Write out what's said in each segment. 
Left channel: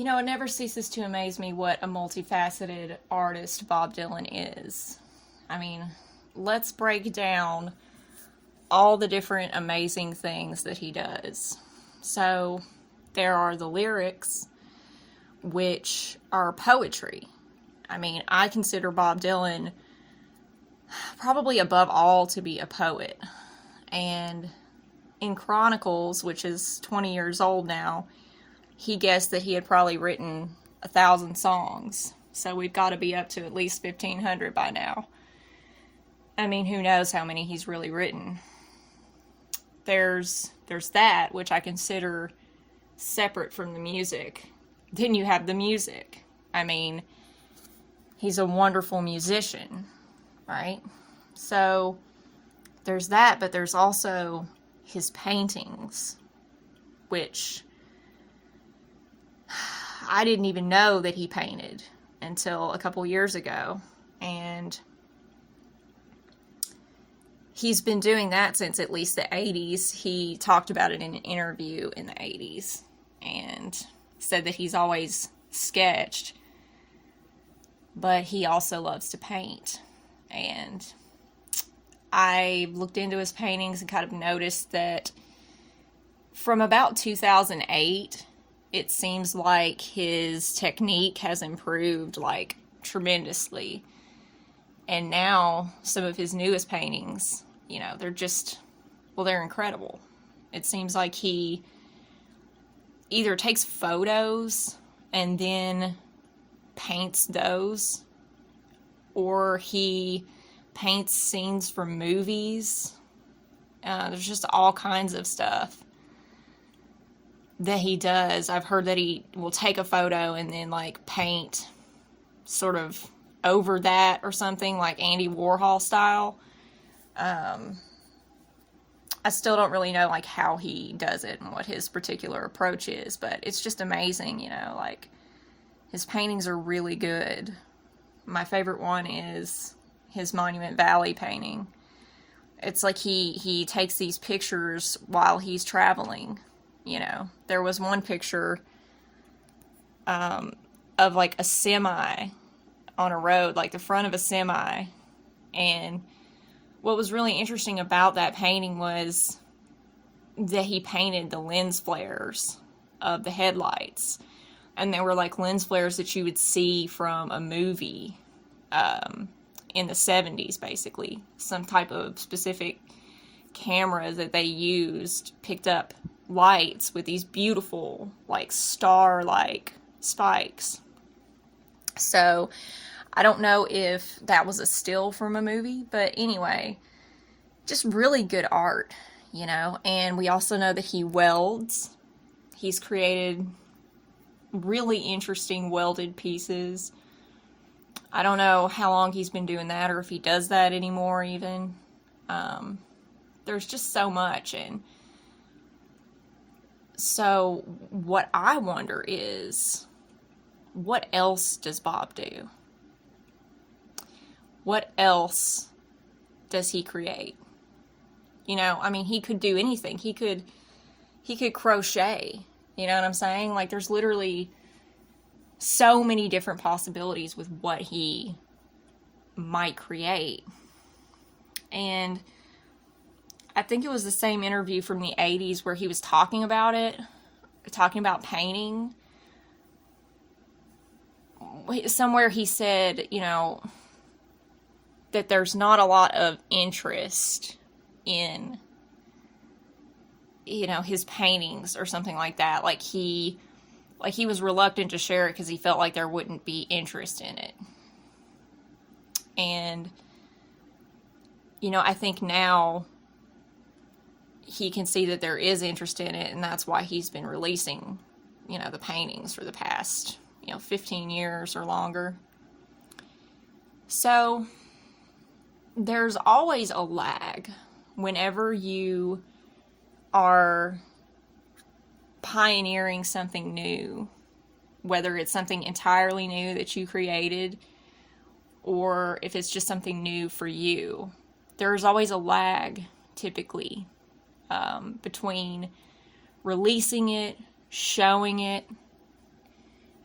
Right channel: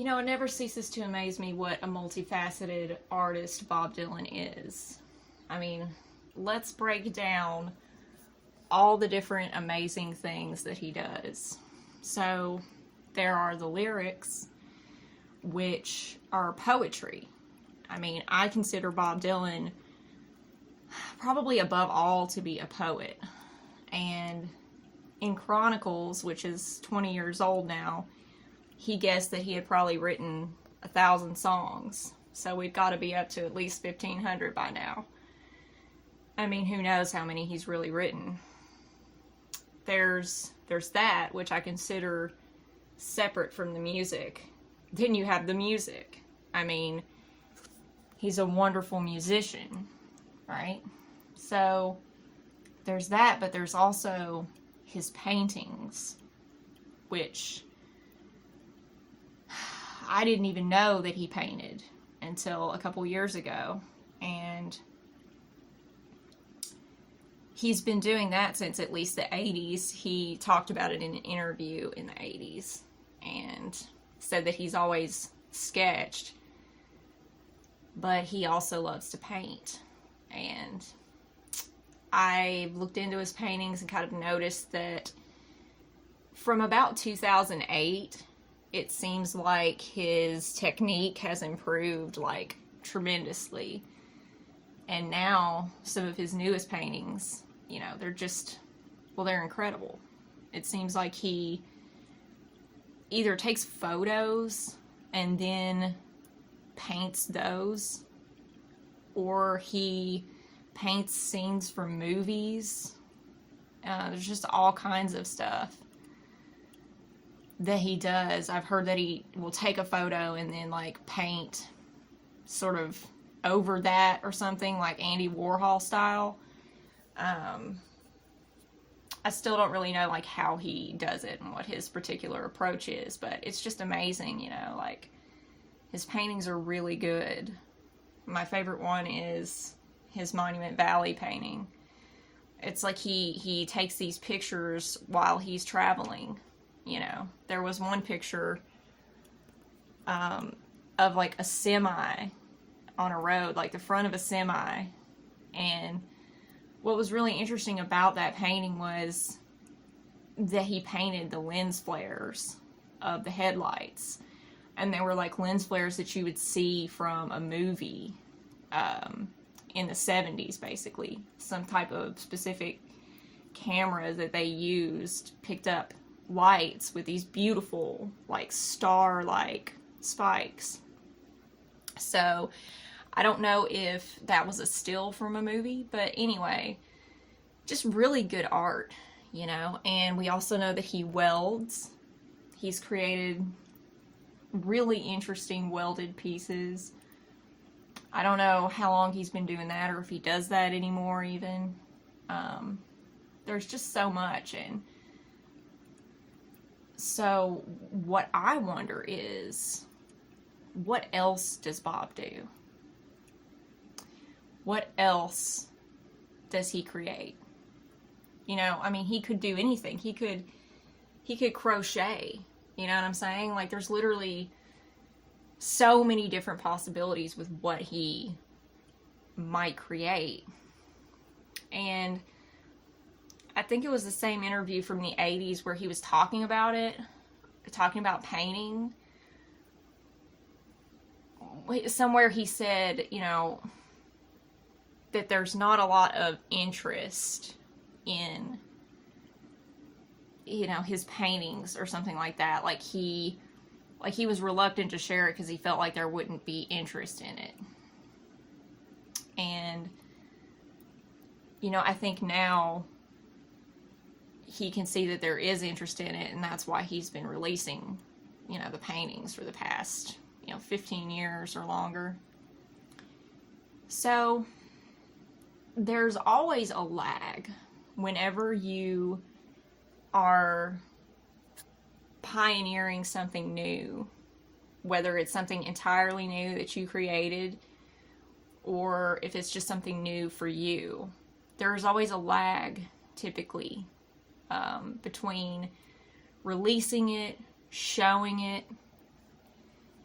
It never ceases to amaze me what a multifaceted artist Bob Dylan is. I mean, let's break down all the different amazing things that he does. So, there are the lyrics, which are poetry. I mean, I consider Bob Dylan probably above all to be a poet. And in Chronicles, which is 20 years old now, he guessed that he had probably written 1,000 songs. So we've got to be up to at least 1,500 by now. I mean, who knows how many he's really written. There's that, which I consider separate from the music. Then you have the music. I mean, he's a wonderful musician, right? So there's that, but there's also his paintings, which I didn't even know that he painted until a couple years ago. And he's been doing that since at least the 80s. He talked about it in an interview in the 80s and said that he's always sketched, but he also loves to paint. And I looked into his paintings and kind of noticed that from about 2008, it seems like his technique has improved like tremendously. And now some of his newest paintings, they're just, well, they're incredible. It seems like he either takes photos and then paints those, or he paints scenes from movies. There's just all kinds of stuff that he does. I've heard that he will take a photo and then like paint sort of over that or something, like Andy Warhol style. I still don't really know like how he does it and what his particular approach is, but it's just amazing, like his paintings are really good. My favorite one is his Monument Valley painting. It's like he takes these pictures while he's traveling. There was one picture of like a semi on a road, like the front of a semi. And what was really interesting about that painting was that he painted the lens flares of the headlights. And they were like lens flares that you would see from a movie in the 70s, basically. Some type of specific camera that they used picked up lights with these beautiful, like, star-like spikes. So I don't know if that was a still from a movie, but anyway, just really good art, and we also know that he welds. He's created really interesting welded pieces. I don't know how long he's been doing that or if he does that anymore even. There's just so much. And so what I wonder is, what else does Bob do? What else does he create? I mean, he could do anything. He could crochet. You know what I'm saying? Like, there's literally so many different possibilities with what he might create. And I think it was the same interview from the 80s where he was talking about it, talking about painting. Somewhere he said, that there's not a lot of interest in, his paintings or something like that. Like he was reluctant to share it because he felt like there wouldn't be interest in it. And, I think now he can see that there is interest in it, and that's why he's been releasing, the paintings for the past, 15 years or longer. So there's always a lag whenever you are pioneering something new, whether it's something entirely new that you created or if it's just something new for you. There's always a lag, typically, between releasing it, showing it,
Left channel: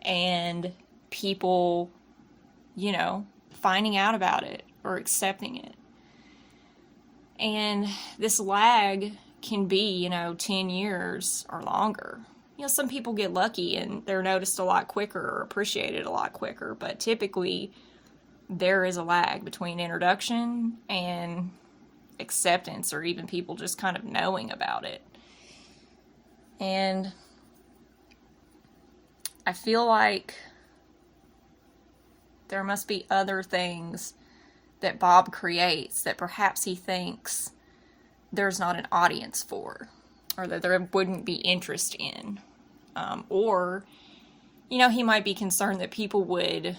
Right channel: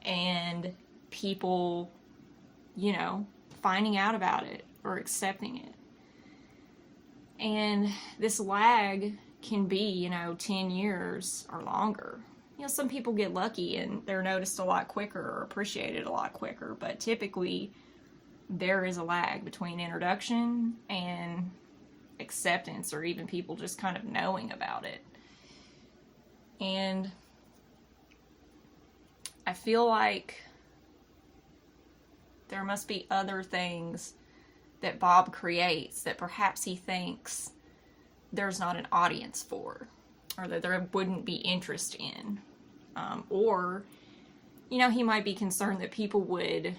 and people, finding out about it or accepting it. And this lag can be, 10 years or longer. Some people get lucky and they're noticed a lot quicker or appreciated a lot quicker, but typically there is a lag between introduction and acceptance, or even people just kind of knowing about it. And I feel like there must be other things that Bob creates that perhaps he thinks there's not an audience for, or that there wouldn't be interest in. Or, he might be concerned that people would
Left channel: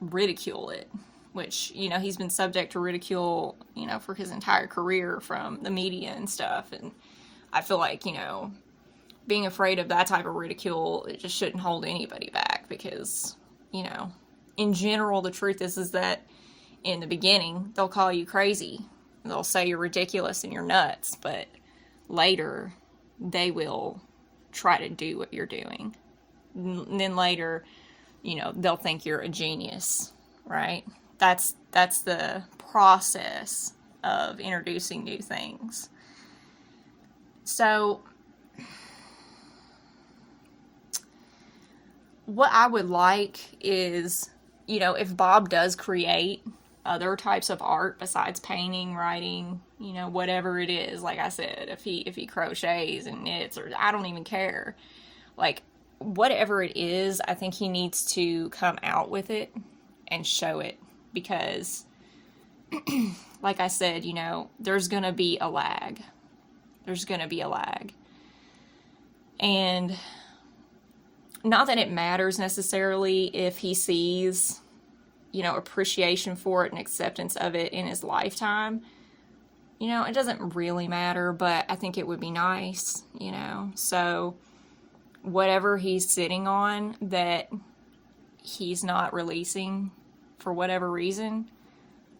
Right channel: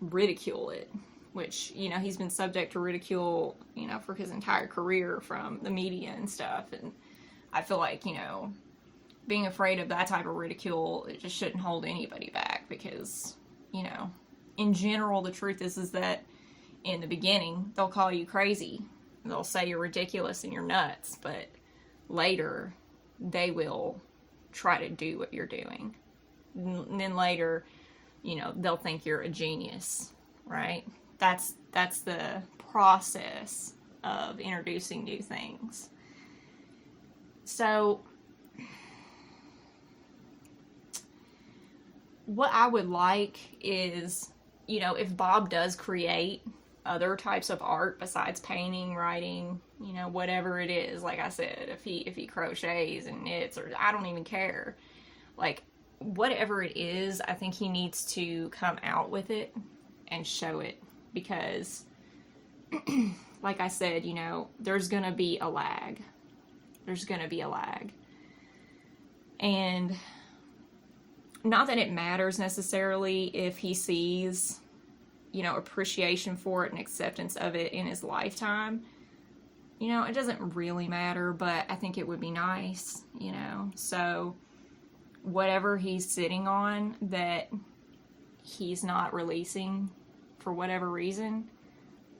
ridicule it, which, he's been subject to ridicule, for his entire career from the media and stuff. And I feel like, being afraid of that type of ridicule, it just shouldn't hold anybody back, because, in general, the truth is that in the beginning, they'll call you crazy. They'll say you're ridiculous and you're nuts, but later they will try to do what you're doing. And then later, they'll think you're a genius, right? That's the process of introducing new things. So what I would like is, if Bob does create other types of art besides painting, writing, whatever it is, like I said, if he crochets and knits, or I don't even care, like whatever it is, I think he needs to come out with it and show it, because like I said, there's gonna be a lag. And not that it matters necessarily if he sees, appreciation for it and acceptance of it in his lifetime. It doesn't really matter, but I think it would be nice, So whatever he's sitting on that he's not releasing for whatever reason,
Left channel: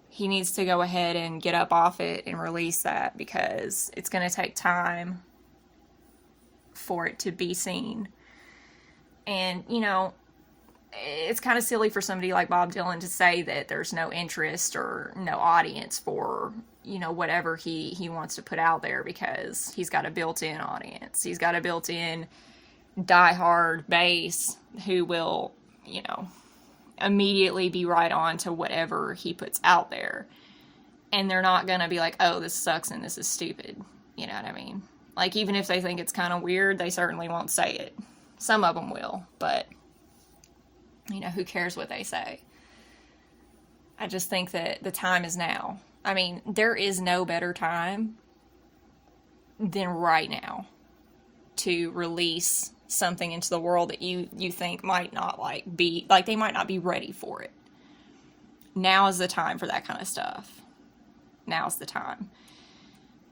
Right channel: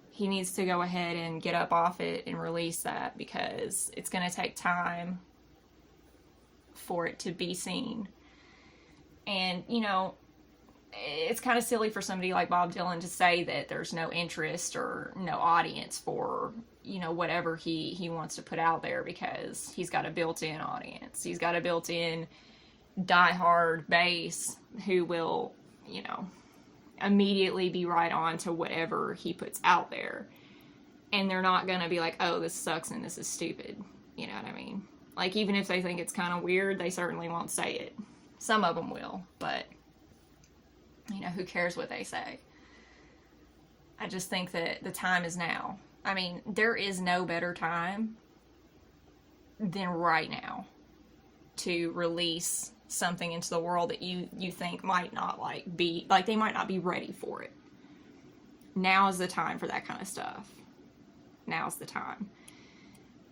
he needs to go ahead and get up off it and release that, because it's going to take time for it to be seen. And, it's kind of silly for somebody like Bob Dylan to say that there's no interest or no audience for, whatever he wants to put out there, because he's got a built-in audience. He's got a built-in diehard base who will, immediately be right on to whatever he puts out there. And they're not going to be like, oh, this sucks and this is stupid. You know what I mean? Like, even if they think it's kind of weird, they certainly won't say it. Some of them will, but who cares what they say? I just think that the time is now. I mean, there is no better time than right now to release something into the world that you think might not they might not be ready for it. Now is the time for that kind of stuff. Now's the time.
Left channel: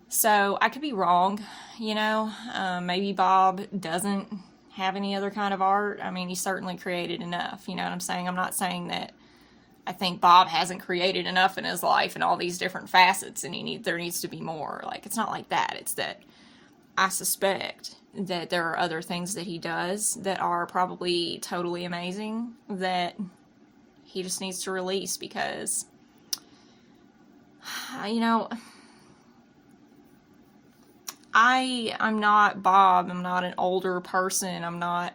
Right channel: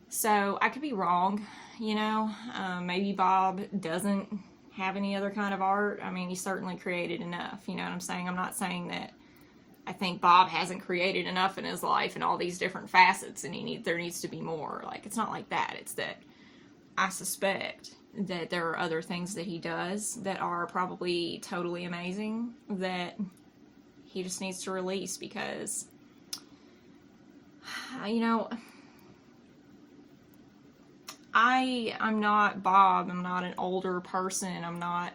So I could be wrong, maybe Bob doesn't have any other kind of art. I mean, he certainly created enough, you know what I'm saying? I'm not saying that I think Bob hasn't created enough in his life in all these different facets and there needs to be more. Like, it's not like that. It's that I suspect that there are other things that he does that are probably totally amazing that he just needs to release, because, I'm not Bob. I'm not an older person. I'm not,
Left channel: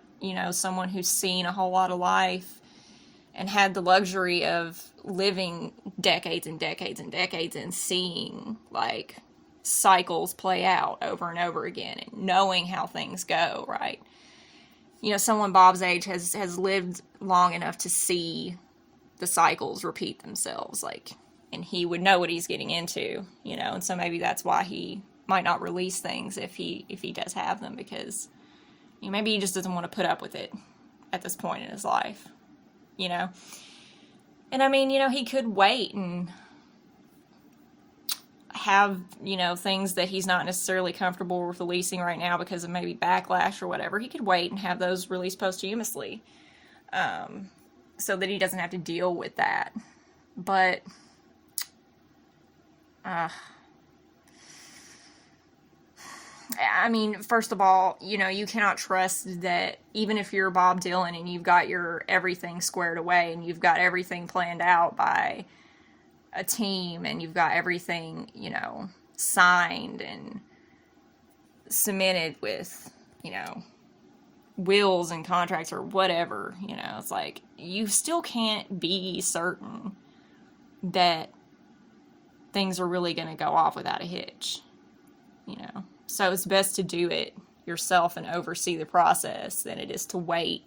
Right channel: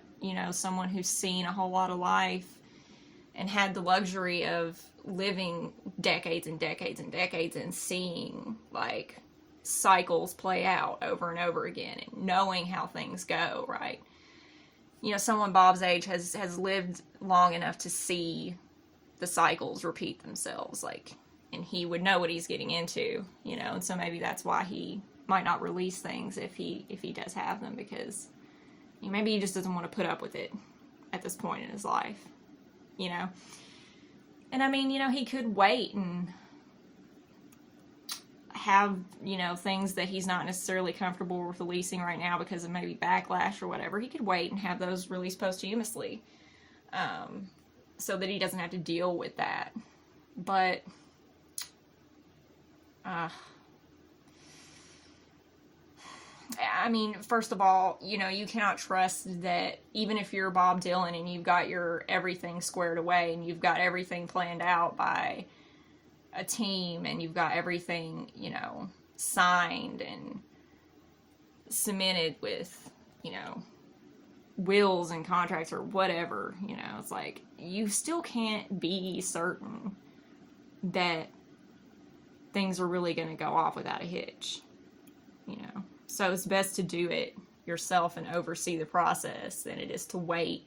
someone who's seen a whole lot of life and had the luxury of living decades and decades and decades and seeing, like, cycles play out over and over again and knowing how things go, right? Someone Bob's age has lived long enough to see the cycles repeat themselves, like, and he would know what he's getting into, and so maybe that's why he might not release things if he does have them, because maybe he just doesn't want to put up with it at this point in his life, And I mean, he could wait and have, things that he's not necessarily comfortable with releasing right now because of maybe backlash or whatever. He could wait and have those released posthumously, so that he doesn't have to deal with that. But, I mean, first of all, you know, you cannot trust that even if you're Bob Dylan and you've got your everything squared away and you've got everything planned out by a team and you've got everything, you know, signed and cemented with, you know, wills and contracts or whatever, you know, it's like you still can't be certain that things are really going to go off without a hitch, you know. So it's best to do it yourself and oversee the process than it is to wait,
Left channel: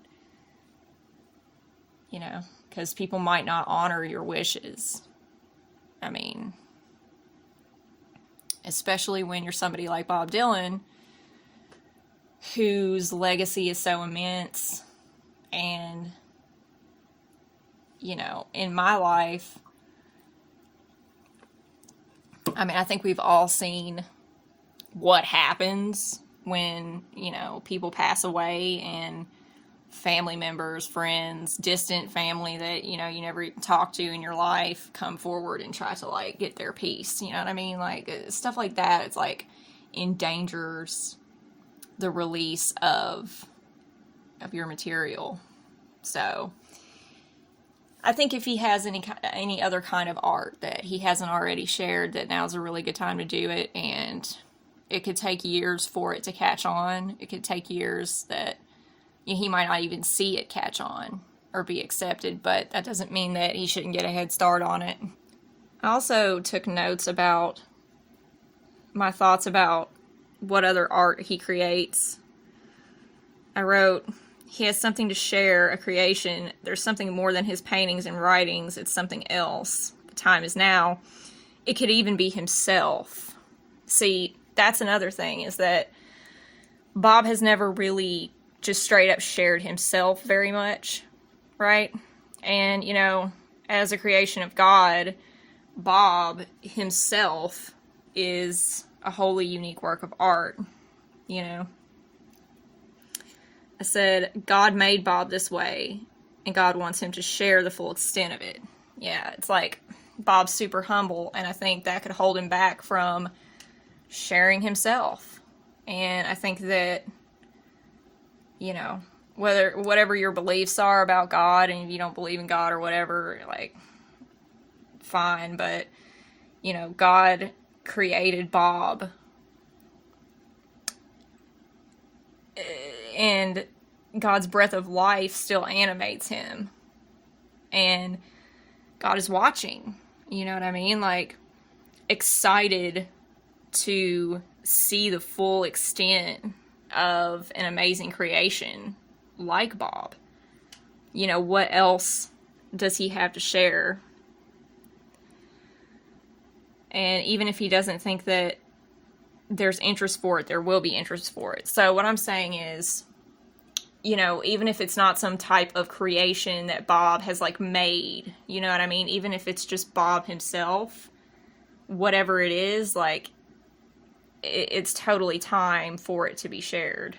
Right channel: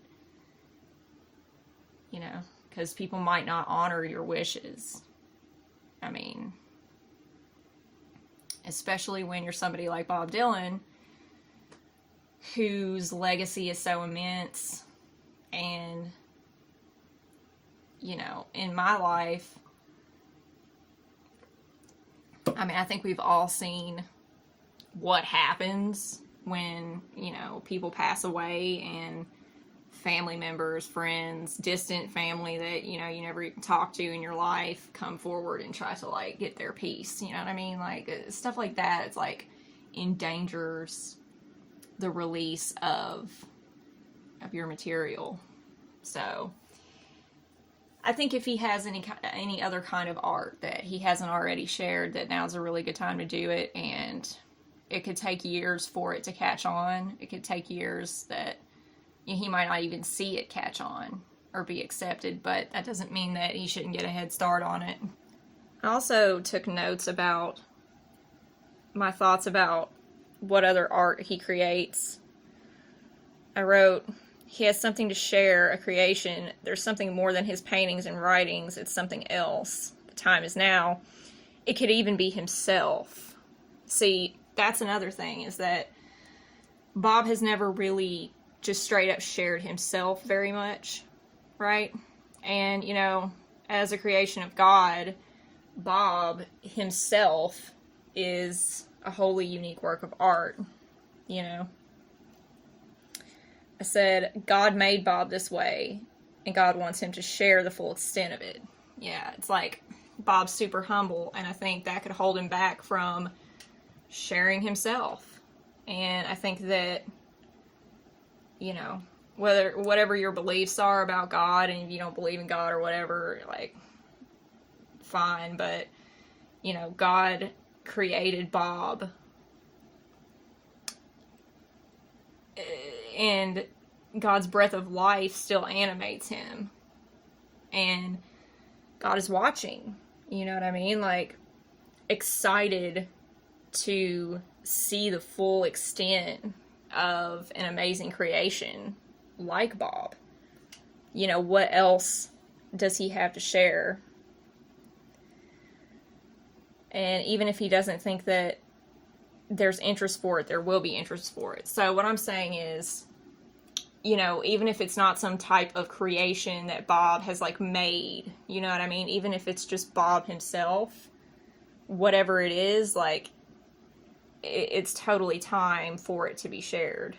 you know, because people might not honor your wishes. I mean, especially when you're somebody like Bob Dylan, whose legacy is so immense. And, you know, in my life, I mean, I think we've all seen what happens when, you know, people pass away and family members, friends, distant family that, you know, you never even talk to in your life come forward and try to, like, get their piece. You know what I mean? Like, stuff like that, it's like endangers the release of your material. So I think if he has any other kind of art that he hasn't already shared, that now's a really good time to do it. And it could take years for it to catch on. It could take years that, you know, he might not even see it catch on or be accepted, but that doesn't mean that he shouldn't get a head start on it. I also took notes about my thoughts about what other art he creates. I wrote, he has something to share, a creation. There's something more than his paintings and writings. It's something else. The time is now. It could even be himself. See, that's another thing, is that Bob has never really just straight up shared himself very much, right? And, you know, as a creation of God, Bob himself is a wholly unique work of art, you know. I said, God made Bob this way, and God wants him to share the full extent of it. Yeah, it's like Bob's super humble, and I think that could hold him back from sharing himself. And I think that, you know, whatever your beliefs are about God, and if you don't believe in God or whatever, like, fine, but, you know, God created Bob, and God's breath of life still animates him, and God is watching, you know what I mean? Like, excited to see the full extent of an amazing creation like Bob. You know, what else does he have to share? And even if he doesn't think that there's interest for it, there will be interest for it. So what I'm saying is, you know, even if it's not some type of creation that Bob has, like, made, you know what I mean? Even if it's just Bob himself, whatever it is, like, it's totally time for it to be shared.